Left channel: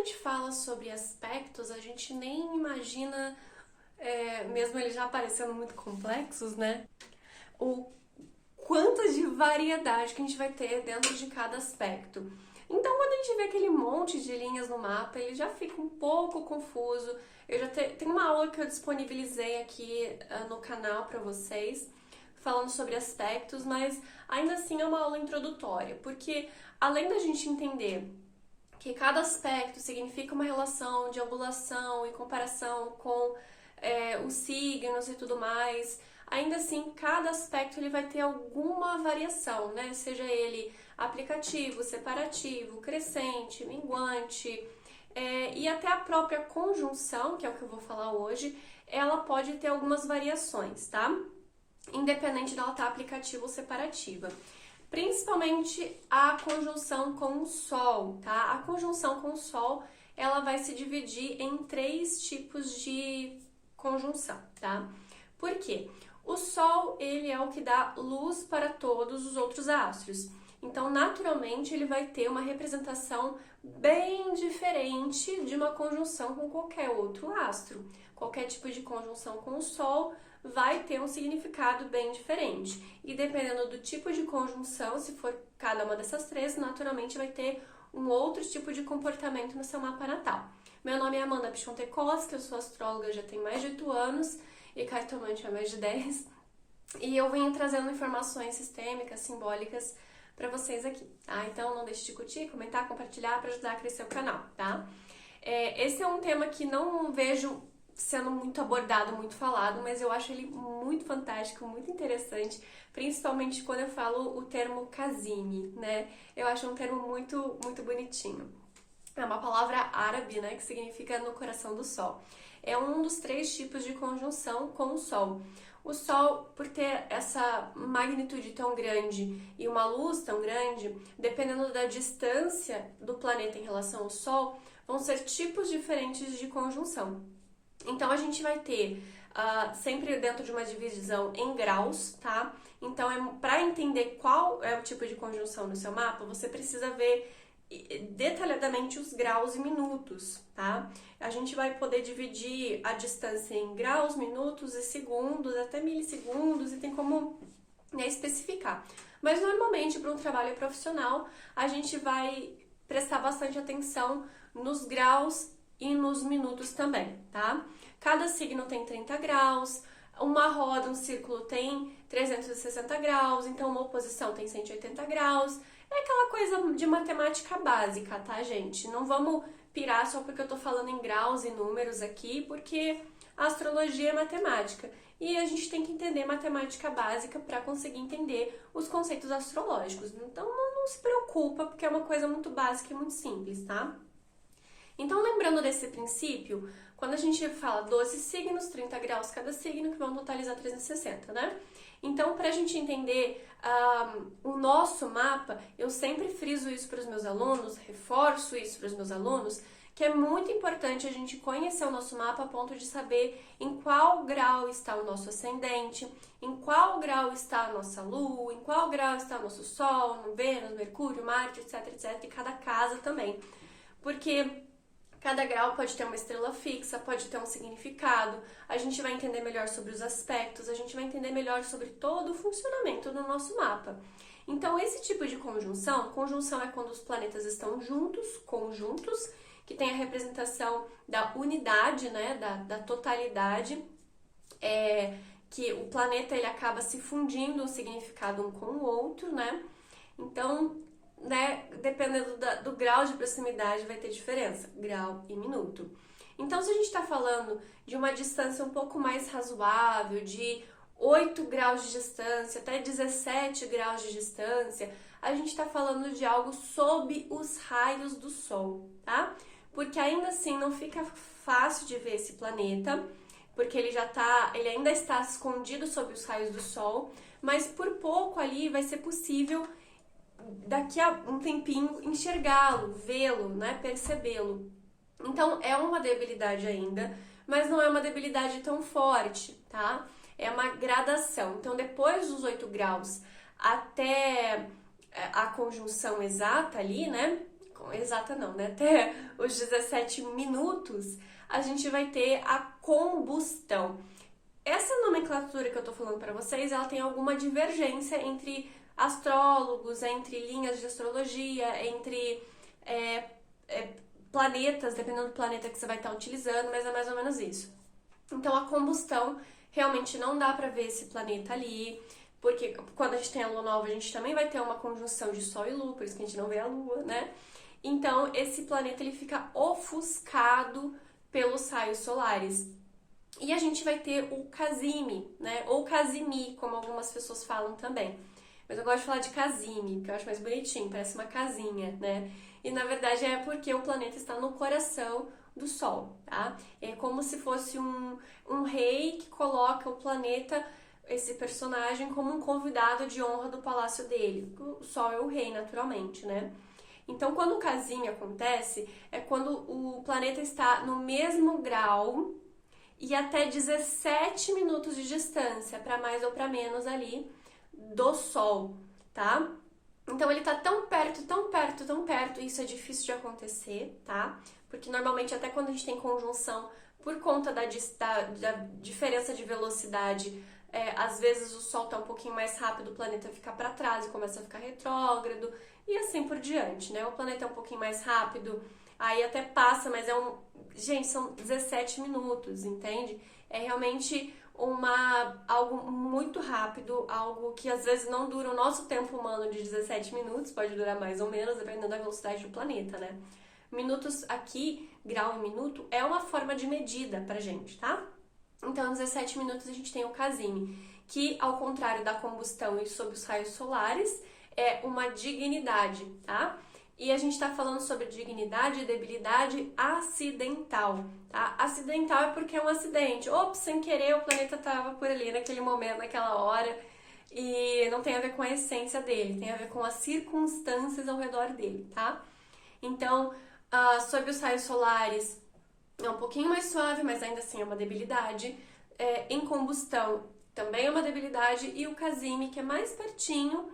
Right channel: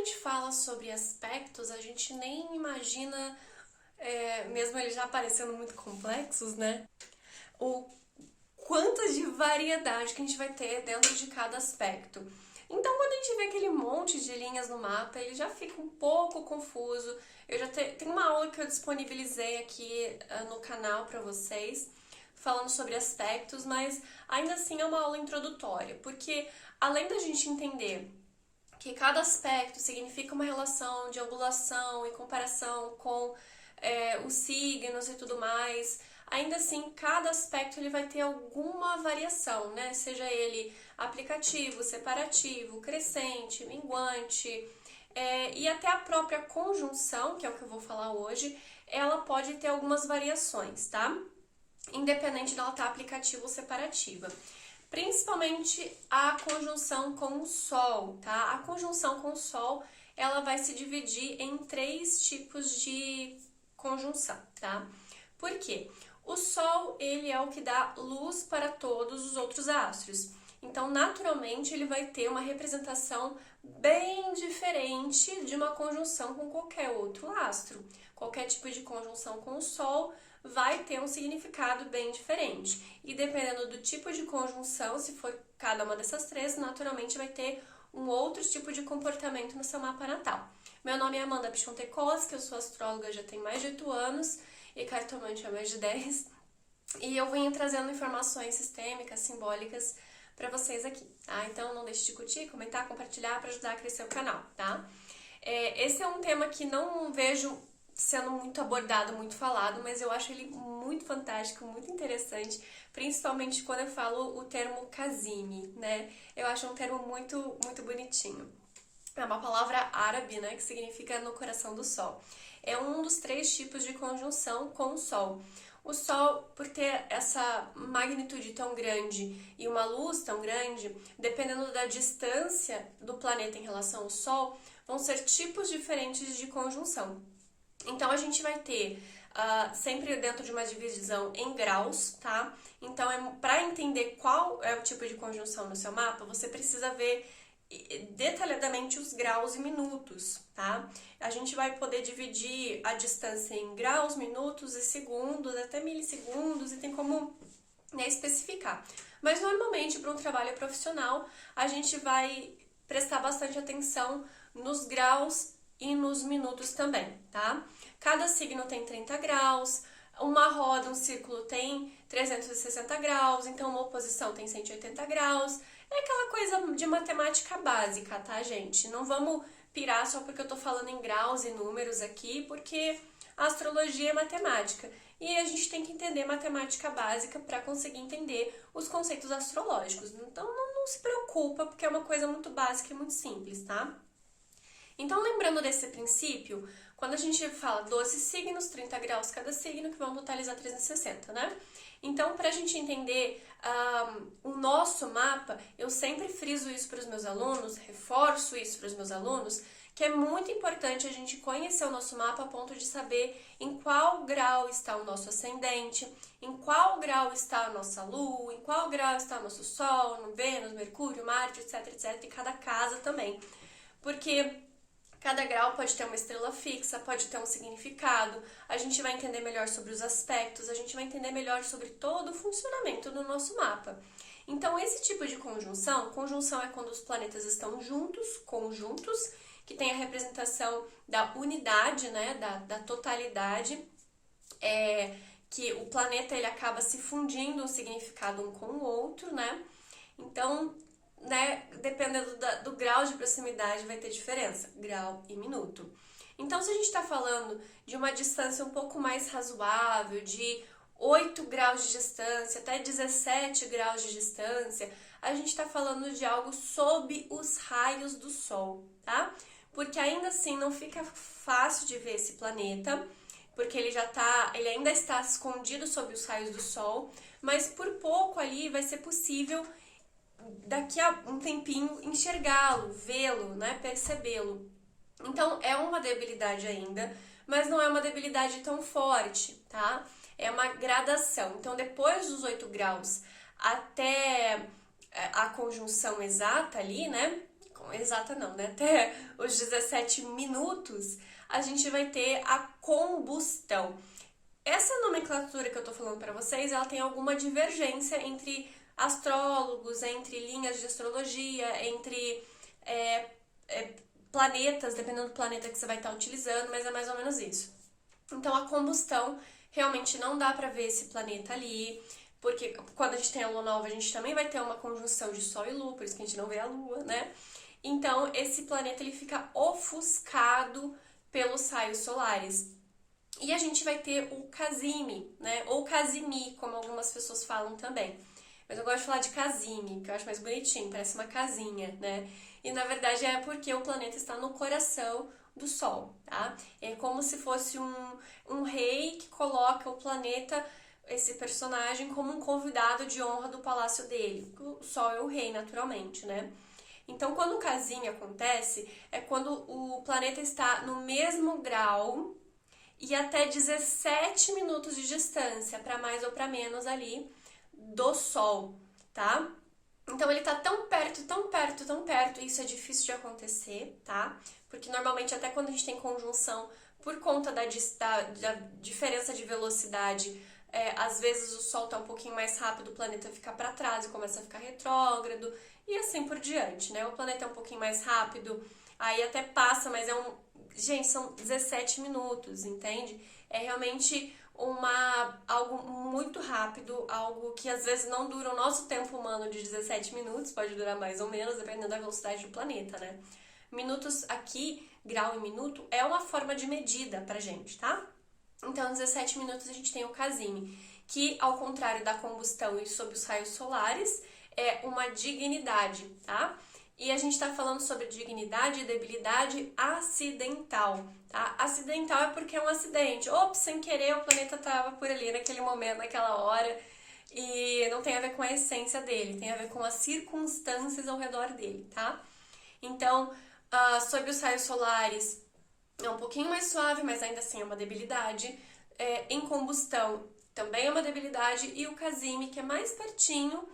gente fala sobre aspectos, a gente nem imagina, mesmo eles já parecendo muito complexos, né? O quanto de variedade que a gente vai ter dentro de cada aspecto. Então, quando a gente vê aquele monte de linhas no mapa, ele já fica um pouco confuso. Eu já tenho uma aula que eu disponibilizei aqui no canal para vocês, falando sobre aspectos, mas ainda assim é uma aula introdutória, porque além da gente entender que cada aspecto significa uma relação de angulação em comparação com os signos e tudo mais, ainda assim, cada aspecto ele vai ter alguma variação, né? Seja ele aplicativo, separativo, crescente, minguante, e até a própria conjunção, que é o que eu vou falar hoje, ela pode ter algumas variações, tá? Independente dela estar aplicativa ou separativa. Principalmente a conjunção com o Sol, tá? A conjunção com o Sol, ela vai se dividir em 3 tipos de conjunção, tá? Por quê? O Sol, ele é o que dá luz para todos os outros astros. Então, naturalmente, ele vai ter uma representação bem diferente de uma conjunção com qualquer outro astro. Qualquer tipo de conjunção com o Sol vai ter um significado bem diferente. E dependendo do tipo de conjunção, se for cada uma dessas 3, naturalmente vai ter um outro tipo de comportamento no seu mapa natal. Meu nome é Amanda Pichontekoski, eu sou astróloga já tem mais de 8 anos e cartomante há mais de 10. E eu venho trazendo informações sistêmicas, simbólicas para vocês aqui, tá? Então não deixe de curtir, comentar, compartilhar para ajudar a crescer o canal, tá? Esse é um tema que não vejo sendo muito abordado, muito falado, mas eu acho ele muito fantástico, muito interessante, principalmente quando eu falo o termo casime, né? Eu acho um termo muito, muito bonitinho. É uma palavra árabe, né, que significa no coração do Sol. É um dos 3 tipos de conjunção com o Sol. O Sol, por ter essa magnitude tão grande e uma luz tão grande, dependendo da distância do planeta em relação ao Sol, vão ser tipos diferentes de conjunção. Então, a gente vai ter sempre dentro de uma divisão em graus, tá? Então, para entender qual é o tipo de conjunção no seu mapa, você precisa ver detalhadamente os graus e minutos, tá? A gente vai poder dividir a distância em graus, minutos e segundos, até milissegundos, e tem como especificar. Mas, normalmente, para um trabalho profissional, a gente vai prestar bastante atenção nos graus e nos minutos também, tá? Cada signo tem 30 graus, uma roda, um círculo tem 360 graus, então uma oposição tem 180 graus. É aquela coisa de matemática básica, tá, gente? Não vamos pirar só porque eu tô falando em graus e números aqui, porque a astrologia é matemática. E a gente tem que entender matemática básica para conseguir entender os conceitos astrológicos. Então não se preocupa, porque é uma coisa muito básica e muito simples, tá? Então, lembrando desse princípio, quando a gente fala 12 signos, 30 graus cada signo, que vão totalizar 360, né? Então, para a gente entender o nosso mapa, eu sempre friso isso para os meus alunos, reforço isso para os meus alunos, que é muito importante a gente conhecer o nosso mapa a ponto de saber em qual grau está o nosso ascendente, em qual grau está a nossa Lua, em qual grau está o nosso Sol, Vênus, Mercúrio, Marte, etc, etc, e cada casa também. Porque cada grau pode ter uma estrela fixa, pode ter um significado, a gente vai entender melhor sobre os aspectos, a gente vai entender melhor sobre todo o funcionamento do nosso mapa. Então, esse tipo de conjunção é quando os planetas estão juntos, conjuntos, que tem a representação da unidade, né, da totalidade, que o planeta ele acaba se fundindo um significado um com o outro, né? Então, né, dependendo do grau de proximidade vai ter diferença, grau e minuto. Então, se a gente está falando de uma distância um pouco mais razoável, de 8 graus de distância até 17 graus de distância, a gente está falando de algo sob os raios do Sol, tá? Porque ainda assim não fica fácil de ver esse planeta, porque ele ainda está escondido sob os raios do Sol, mas por pouco ali vai ser possível daqui a um tempinho enxergá-lo, vê-lo, né, percebê-lo. Então é uma debilidade ainda, mas não é uma debilidade tão forte, tá? É uma gradação. Então depois dos 8 graus até a conjunção exata ali, né, exata não, né? Até os 17 minutos, a gente vai ter a combustão. Essa nomenclatura que eu tô falando pra vocês, ela tem alguma divergência entre astrólogos, entre linhas de astrologia, entre planetas, dependendo do planeta que você vai estar utilizando, mas é mais ou menos isso. Então, a combustão, realmente não dá pra ver esse planeta ali, porque quando a gente tem a lua nova, a gente também vai ter uma conjunção de Sol e Lua, por isso que a gente não vê a Lua, né? Então, esse planeta, ele fica ofuscado pelos raios solares. E a gente vai ter o Casime, né? Ou Casimi, como algumas pessoas falam também. Mas eu gosto de falar de Casime, porque eu acho mais bonitinho, parece uma casinha, né? E na verdade é porque o planeta está no coração do Sol, tá? É como se fosse um rei que coloca o planeta, esse personagem, como um convidado de honra do palácio dele. O Sol é o rei, naturalmente, né? Então, quando o Casime acontece, é quando o planeta está no mesmo grau e até 17 minutos de distância, para mais ou para menos ali, do Sol, tá? Então ele tá tão perto, tão perto, tão perto, e isso é difícil de acontecer, tá? Porque normalmente até quando a gente tem conjunção, por conta da diferença de velocidade, às vezes o Sol tá um pouquinho mais rápido, o planeta fica para trás e começa a ficar retrógrado, e assim por diante, né? O planeta é um pouquinho mais rápido, aí até passa, mas gente, são 17 minutos, entende? É realmente algo muito rápido, algo que às vezes não dura o nosso tempo humano de 17 minutos, pode durar mais ou menos, dependendo da velocidade do planeta, né? Minutos aqui, grau e minuto, é uma forma de medida pra gente, tá? Então, em 17 minutos a gente tem o Casime, que ao contrário da combustão e sob os raios solares, é uma dignidade, tá? E a gente tá falando sobre dignidade e debilidade acidental, tá? Acidental é porque é um acidente. Ops, sem querer o planeta tava por ali naquele momento, naquela hora, e não tem a ver com a essência dele, tem a ver com as circunstâncias ao redor dele, tá? Então, sob os raios solares é um pouquinho mais suave, mas ainda assim é uma debilidade. Em combustão também é uma debilidade, e o Casime, que é mais pertinho,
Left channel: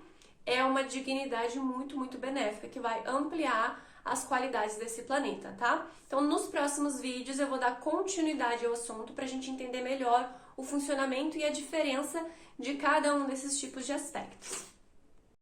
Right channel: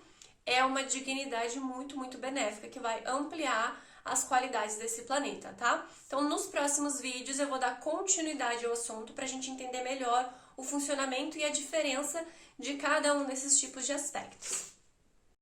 é uma dignidade muito, muito benéfica, que vai ampliar as qualidades desse planeta, tá? Então, nos próximos vídeos eu vou dar continuidade ao assunto pra gente entender melhor o funcionamento e a diferença de cada um desses tipos de aspectos.